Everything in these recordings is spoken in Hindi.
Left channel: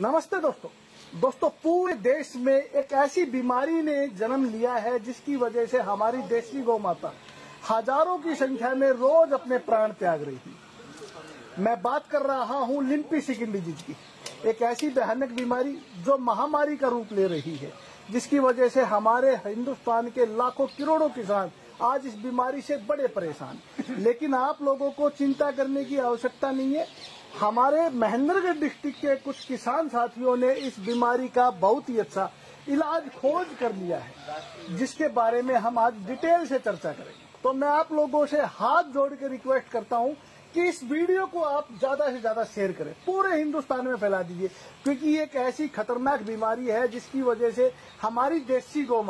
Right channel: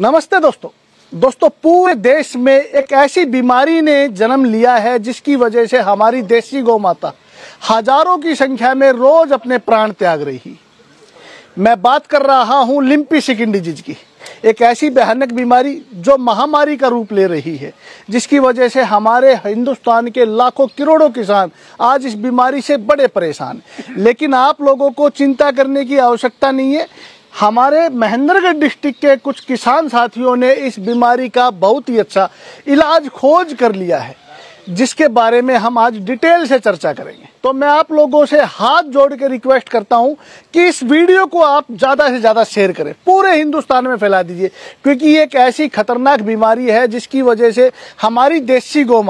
नमस्ते दोस्तों पूरे देश में एक ऐसी बीमारी ने जन्म लिया है जिसकी वजह से हमारी देसी गौ माता हजारों की संख्या में रोज अपने प्राण त्याग रही। मैं बात कर रहा हूं लिम्पी स्किन डिजीज की, एक ऐसी भयानक बीमारी जो महामारी का रूप ले रही है, जिसकी वजह से हमारे हिंदुस्तान के लाखों करोड़ों किसान आज इस बीमारी से बड़े परेशान। लेकिन आप लोगों को चिंता करने की आवश्यकता नहीं है। हमारे महेंद्रगढ़ डिस्ट्रिक्ट के कुछ किसान साथियों ने इस बीमारी का बहुत ही अच्छा इलाज खोज कर लिया है, जिसके बारे में हम आज डिटेल से चर्चा करेंगे। तो मैं आप लोगों से हाथ जोड़ के रिक्वेस्ट करता हूं कि इस वीडियो को आप ज्यादा से ज्यादा शेयर करें, पूरे हिंदुस्तान में फैला दीजिए, क्योंकि ये एक ऐसी खतरनाक बीमारी है जिसकी वजह से हमारी देसी गौ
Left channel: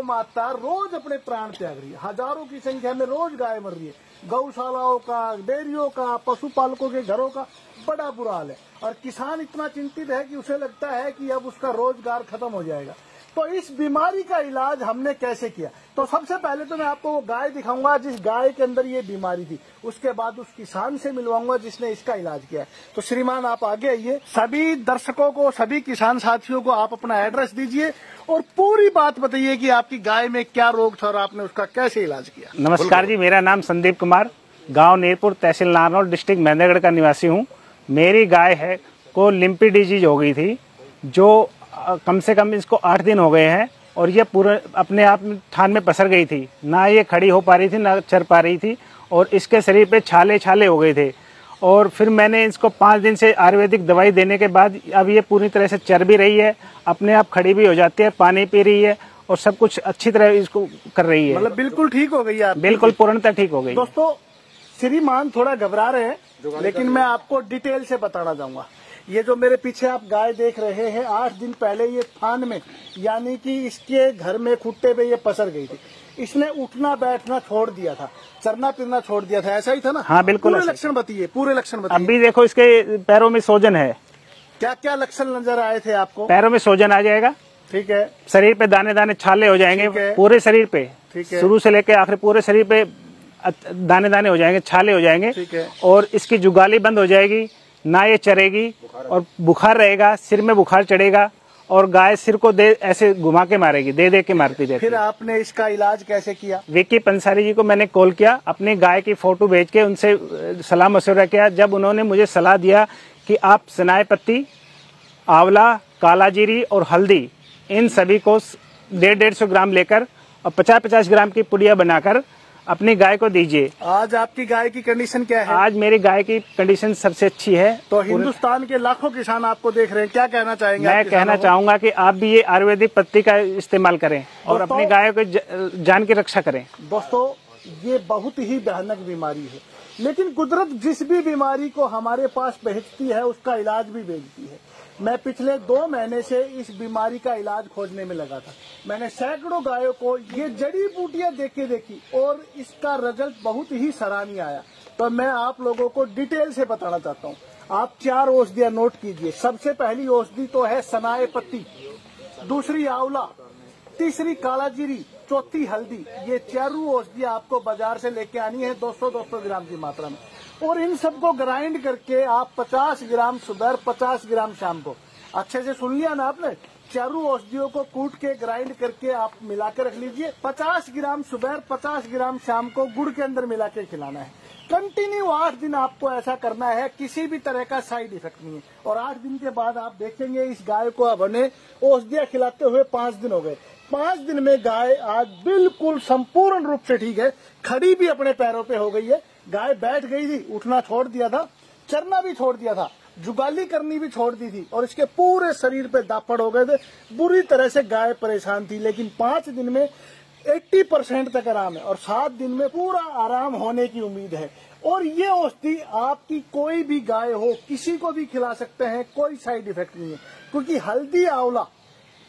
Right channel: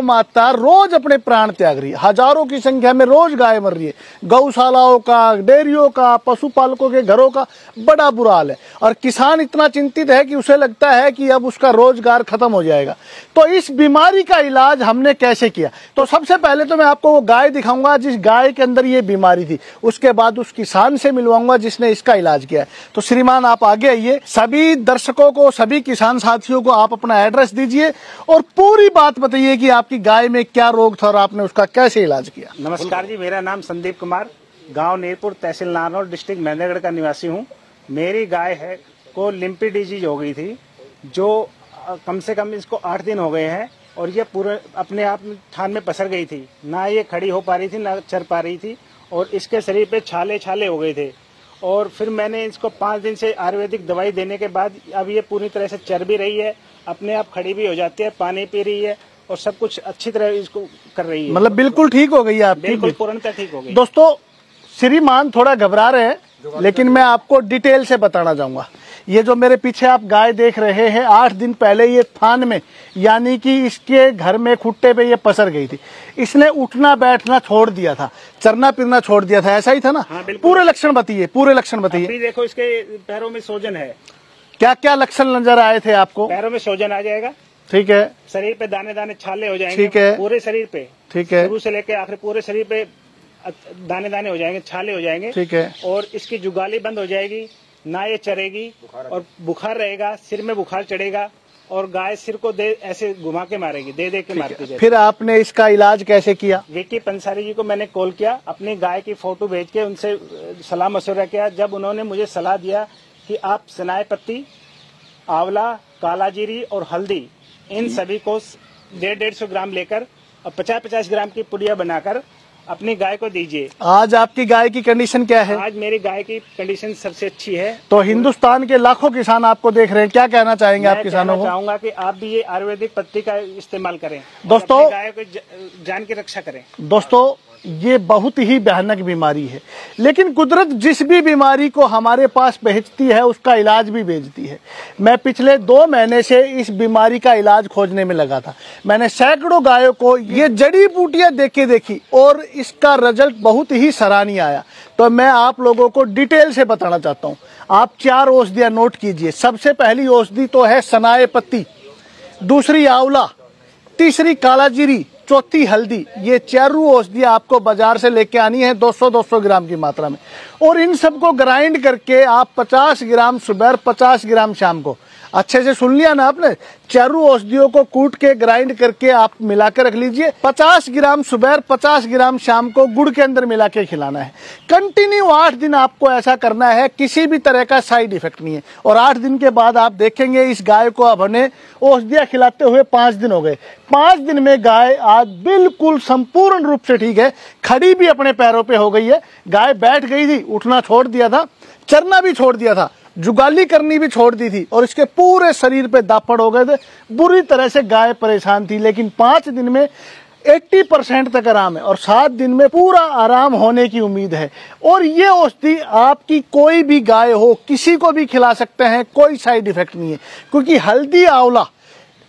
माता रोज अपने प्राण त्याग रही है। हजारों की संख्या में रोज गाय मर रही है। गौशालाओं का, डेयरियों का, पशुपालकों के घरों का बड़ा बुरा हाल है और किसान इतना चिंतित है कि उसे लगता है कि अब उसका रोजगार खत्म हो जाएगा। तो इस बीमारी का इलाज हमने कैसे किया, तो सबसे पहले तो मैं आपको वो गाय दिखाऊंगा जिस गाय के अंदर ये बीमारी थी, उसके बाद उस किसान से मिलवाऊंगा जिसने इसका इलाज किया है। तो श्रीमान आप आगे आइए। सभी दर्शकों को, सभी किसान साथियों को आप अपना एड्रेस दीजिए और पूरी बात बताइए कि आपकी गाय में क्या रोग था और आपने उसका कैसे इलाज किया। नमस्कार जी, मेरा नाम संदीप कुमार, गांव नीरपुर, तहसील नारनौल, डिस्ट्रिक्ट महेंद्रगढ़ का निवासी हूं। मेरी गाय है को लिम्पी डिजीज हो गई थी, जो कम से कम इसको 8 दिन हो गए हैं और ये पूरे अपने आप थान में पसर गई थी। ना ये खड़ी हो पा रही थी, ना चर पा रही थी और इसके शरीर पे छाले हो गए थे। और फिर मैंने इसको 5 दिन से आयुर्वेदिक दवाई देने के बाद अब ये पूरी तरह से चर भी रही है, अपने आप खड़ी भी हो जाती है, पानी पी रही है और सब कुछ अच्छी तरह इसको कर रही है। मतलब बिल्कुल ठीक हो गई है आप? बिल्कुल पूर्णतः ठीक हो गई। दोस्तों श्रीमान थोड़ा घबरा रहे हैं, लेकिन मैं आपको डिटेल से बताना चाहूंगा। ये जो मेरे पीछे आप गाय देख रहे हैं, 8 दिन पहले ये थान में, यानी कि इसके घर में खुट्टे पे ये पसर गई थी। इसने उठना बैठना छोड़ दिया था, चरना फिरना छोड़ दिया था, ऐसा ही था ना? हाँ बिल्कुल। पूरे लक्षण बताइए, पूरे लक्षण बताइए। अभी देखो इसके पैरों में सोजन है। क्या क्या लक्षण नजर आए थे आपको? पैरों में सोजन आ जाएगा, ठीक है। शरीर पे दाने दाने छाले हो जाएंगे, पूरे शरीर पे, ठीक है, शुरू से लेकर आखिर पूरे शरीर पे दाने दाने हो जाएंगे, छाले हो जाएंगे, ठीक है। और इसकी जुगाली बंद हो जाएगी, ना ये चरेगी और बुखार रहेगा, सिर में बुखार चढ़ेगा और गाय सिर को ऐसे घुमा के मारेगी, दे के मारती रहेगी। फिर आपने इसका इलाज कैसे किया? विक्की पंसारी जी को मैंने कॉल किया, अपनी गाय की फोटो भेज के उनसे सलाह मशवरा किया। जब उन्होंने मुझे सलाह दिया कि आप सनाए पत्ती, आंवला, काला जीरी और हल्दी, इन सभी को 150 ग्राम लेकर और 50-50 ग्राम की पुड़िया बनाकर अपनी गाय को दीजिए। आज आपकी गाय की कंडीशन क्या है? आज मेरी गाय की कंडीशन सबसे अच्छी है। तो हिंदुस्तान के लाखों किसान आपको देख रहे हैं, क्या कहना चाहेंगे? मैं कहना चाहूंगा कि आप भी ये आयुर्वेदिक पत्ती का इस्तेमाल करें दोस्तों, अपनी गाय को जान की रक्षा करें। दोस्तों ये बहुत ही भयानक बीमारी है, लेकिन कुदरत जिस भी बीमारी को हमारे पास भेजती है उसका इलाज भी भेजती है। मैं पिछले 2 महीने से इस बीमारी का इलाज खोजने में लगा था। मैंने सैकड़ों गायों को ये जड़ी बूटियां देखी और इसका रिजल्ट बहुत ही सराहनीय आया। तो मैं आप लोगों को डिटेल से बताना चाहता हूँ। आप 4 औषधियां नोट कीजिए। सबसे पहली औषधि तो है सनाए पत्ती, दूसरी आंवला, तीसरी काला जीरी, चौथी हल्दी। ये 4 औषधियां आपको बाजार से लेके आनी है 200-200 ग्राम की मात्रा में, और इन सबको ग्राइंड करके आप 50 ग्राम सुबह, 50 ग्राम शाम को, अच्छे से सुन लिया ना आपने, 4 औषधियों को कूट के ग्राइंड करके आप मिलाकर रख लीजिए। 50 ग्राम सुबह, 50 ग्राम शाम को गुड़ के अंदर मिला के खिलाना है। कंटिन्यू 8 दिन आपको ऐसा करना है, किसी भी तरह का साइड इफेक्ट नहीं है। और 8 दिन के बाद आप देखेंगे इस गाय को अब हमने औषधियां खिलाते हुए 5 दिन हो गए। 5 दिन में गाय आज बिल्कुल संपूर्ण रूप से ठीक है, खड़ी भी अपने पैरों पे हो गई है। गाय बैठ गई थी, उठना छोड़ दिया था, चरना भी छोड़ दिया था, जुगाली करनी भी छोड़ दी थी और इसके पूरे शरीर पे दापड़ हो गए थे। बुरी तरह से गाय परेशान थी, लेकिन 5 दिन में 80% तक आराम है और 7 दिन में पूरा आराम होने की उम्मीद है। और ये औषधि आपकी कोई भी गाय हो, किसी को भी खिला सकते हैं, कोई साइड इफेक्ट नहीं है, क्योंकि हल्दी, आंवला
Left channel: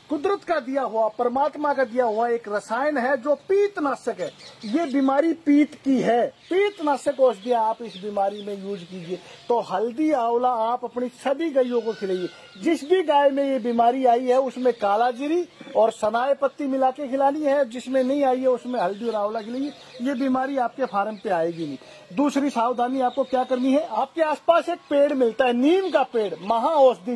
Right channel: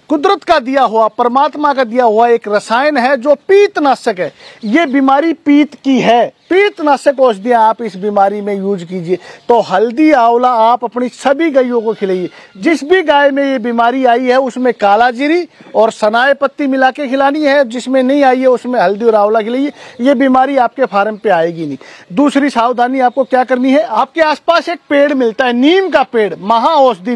कुदरत का दिया हुआ, परमात्मा का दिया हुआ एक रसायन है जो पीतनाशक है। ये बीमारी पीत की है, कीटनाशक औषधियां आप इस बीमारी में यूज कीजिए। तो हल्दी आंवला आप अपनी सभी गायों को खिलाइए। जिस भी गाय में ये बीमारी आई है उसमें काला जीरी और सनाए पत्ती मिला के खिलानी है, जिसमें नहीं आई है उसमें हल्दी और आंवला खिलाइए। ये बीमारी आपके फार्म पे आएगी नहीं। दूसरी सावधानी आपको क्या करनी है, आपके आसपास एक पेड़ मिलता है, नीम का पेड़, महा औषधि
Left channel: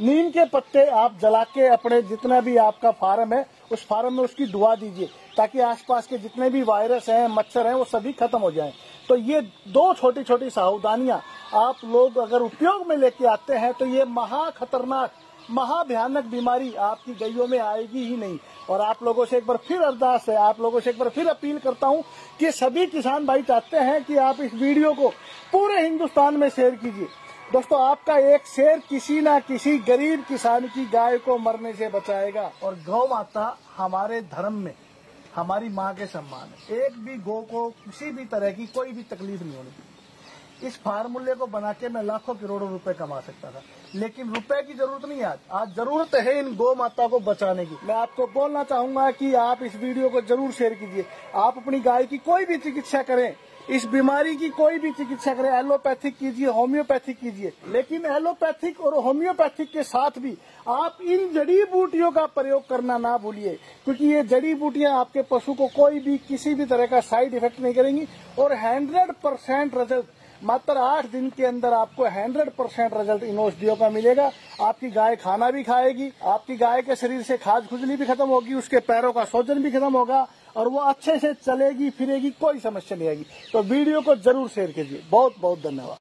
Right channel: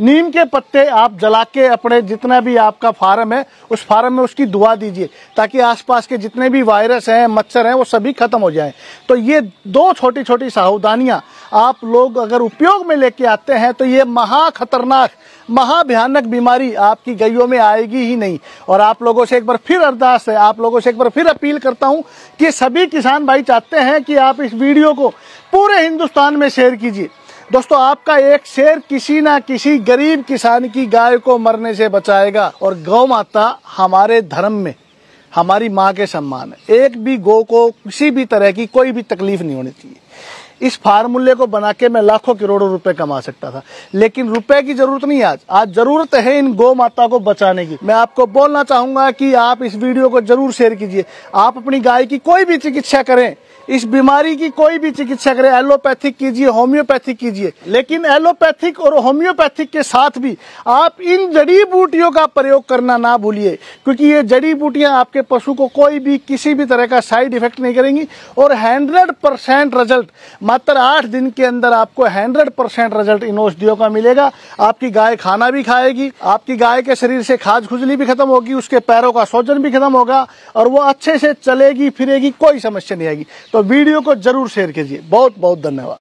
नीम के पत्ते आप जला के अपने जितना भी आपका फार्म है उस फार्म में उसकी दुआ दीजिए, ताकि आसपास के जितने भी वायरस हैं, मच्छर हैं, वो सभी खत्म हो जाएं। तो ये दो छोटी छोटी सावधानियां आप लोग अगर उपयोग में लेके आते हैं तो ये महा खतरनाक, महा भयानक बीमारी आपकी गायों में आएगी ही नहीं। और आप लोगों से एक बार फिर अरदास है, आप लोगों से एक बार फिर अपील करता हूं कि सभी किसान भाई चाहते हैं कि आप इस वीडियो को पूरे हिंदुस्तान में शेयर कीजिए। दोस्तों, आपका एक शेयर किसी ना किसी गरीब किसान की गाय को मरने से बचाएगा। और गौ माता हमारे धर्म में हमारी माँ के सम्मान है। एक भी गौ को किसी भी तरह की कोई भी तकलीफ नहीं होनी चाहिए। इस फार्मूले को बना के मैं लाखों करोड़ों रुपए कमा सकता था, लेकिन रुपए की जरूरत नहीं है। आज जरूरत है इन गौ माता को बचाने की। मैं आपको बोलना चाहूंगा कि आप इस वीडियो को जरूर शेयर कीजिए। आप अपनी गाय की कोई भी चिकित्सा करें, इस बीमारी की कोई भी चिकित्सा करें, एलोपैथिक कीजिए, होम्योपैथिक कीजिए, लेकिन एलोपैथिक और होम्योपैथिक के साथ भी आप इन जड़ी बूटियों का प्रयोग करना ना भूलिए, क्योंकि ये जड़ी बूटियां आपके पशु को कोई भी किसी भी तरह का साइड इफेक्ट नहीं करेंगी। और 100% रिजल्ट मात्र 8 दिन के अंदर आपको 100% रिजल्ट इन औषधियों का मिलेगा। आपकी गाय खाना भी खाएगी, आपकी गाय के शरीर से खाज खुजली भी खत्म होगी, उसके पैरों का सूजन भी खत्म होगा और वो अच्छे से चलेगी फिरेगी, कोई समस्या नहीं आएगी। तो वीडियो को जरूर शेयर कीजिए। बहुत बहुत धन्यवाद।